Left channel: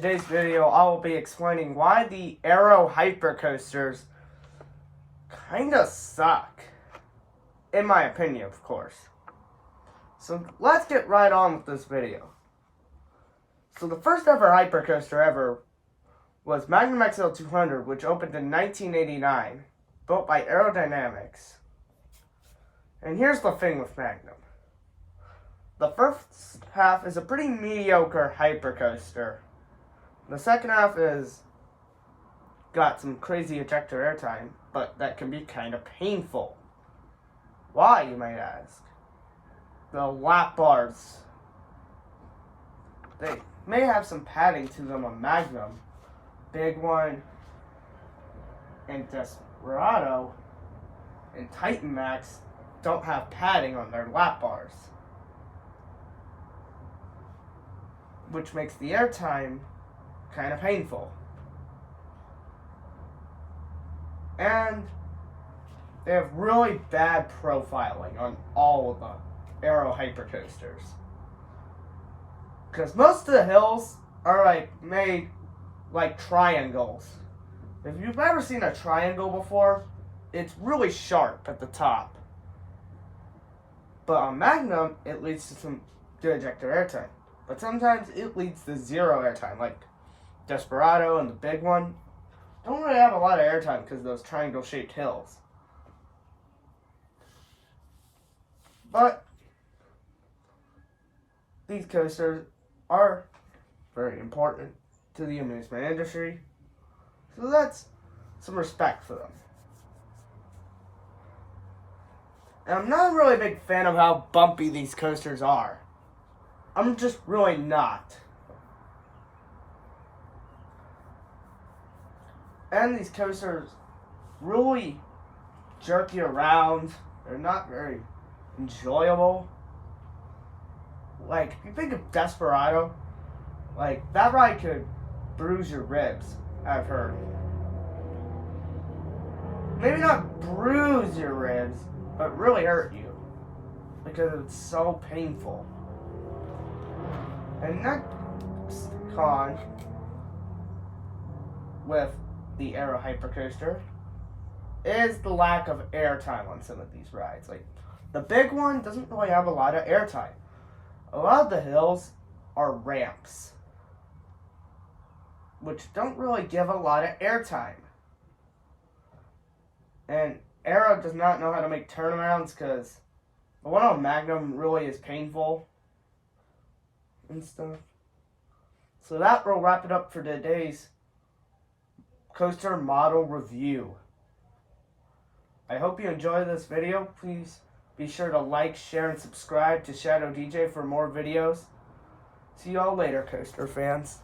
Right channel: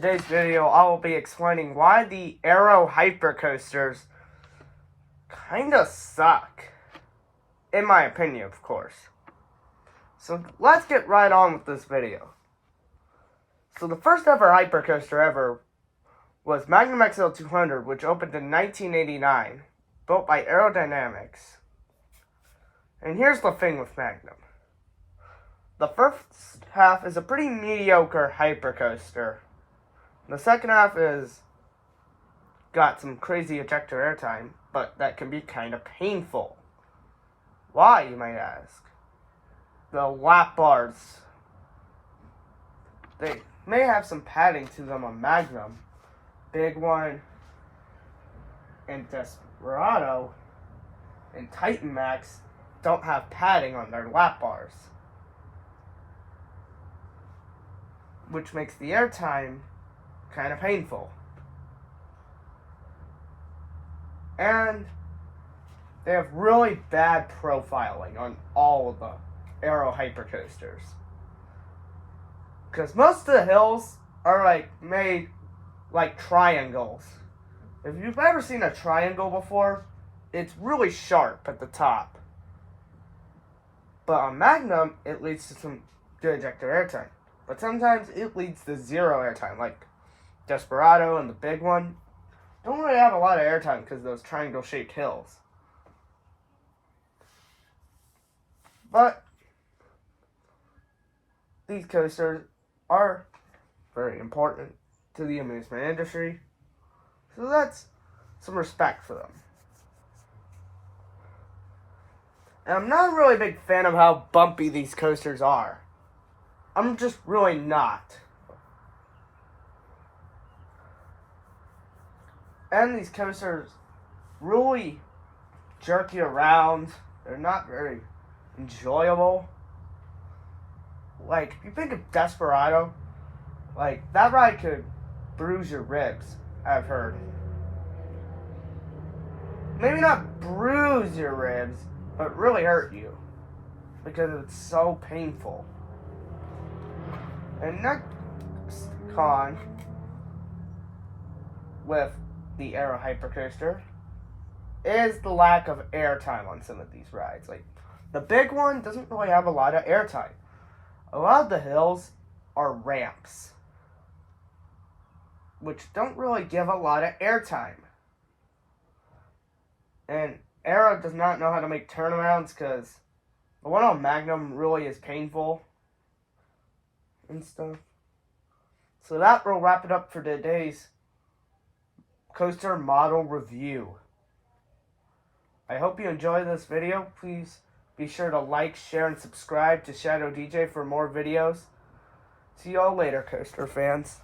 today's video, I will be explaining why the Arrow Hypercoasters kinda suck. In my opinion, of course. So let's get right on with this video. So the first ever hypercoaster ever was Magnum XL 200, which opened in 1989, built by Aerodynamics. And here's the thing with Magnum. The first half is a pretty mediocre hypercoaster. The second half is got some crazy ejector airtime, but that can be kind of painful. Why, you might ask? The lap bars. They may have some padding to them on Magnum. Big One and Desperado and Titan Max don't have padding on their lap bars, which makes the airtime kind of painful. And they have really bad profiling on all of the Arrow hypercoasters, because most of the hills are made like triangles. If you've ever seen a triangle before, it's really sharp at the top. But on Magnum, it leads to some good ejector airtime. But sometimes it leads to zero airtime, like Desperado and the Big One. Don't really have a lot of airtime because of those triangle-shaped hills. But these coasters are very important to the amusement industry, so that's some respect for them. And I'm not a really big fan of how bumpy these coasters are. I'm just really not. And these coasters really jerk you around. They're not very enjoyable. Like, if you think of Desperado, that ride could bruise your ribs, I've heard. Maybe not bruise your ribs, but really hurt you, because it's so painful. And next con with the Arrow Hypercoaster is the lack of airtime on some of these rides. Like, the Big One doesn't really have a lot of airtime. A lot of the hills are ramps, which don't really give a lot of airtime. And Arrow does not know how to make turnarounds, because the one on Magnum really is painful and stuff. So that will wrap it up for today's coaster model review. I hope you enjoyed this video. Please be sure to like, share, and subscribe to Shadow DJ for more videos. See y'all later, coaster fans.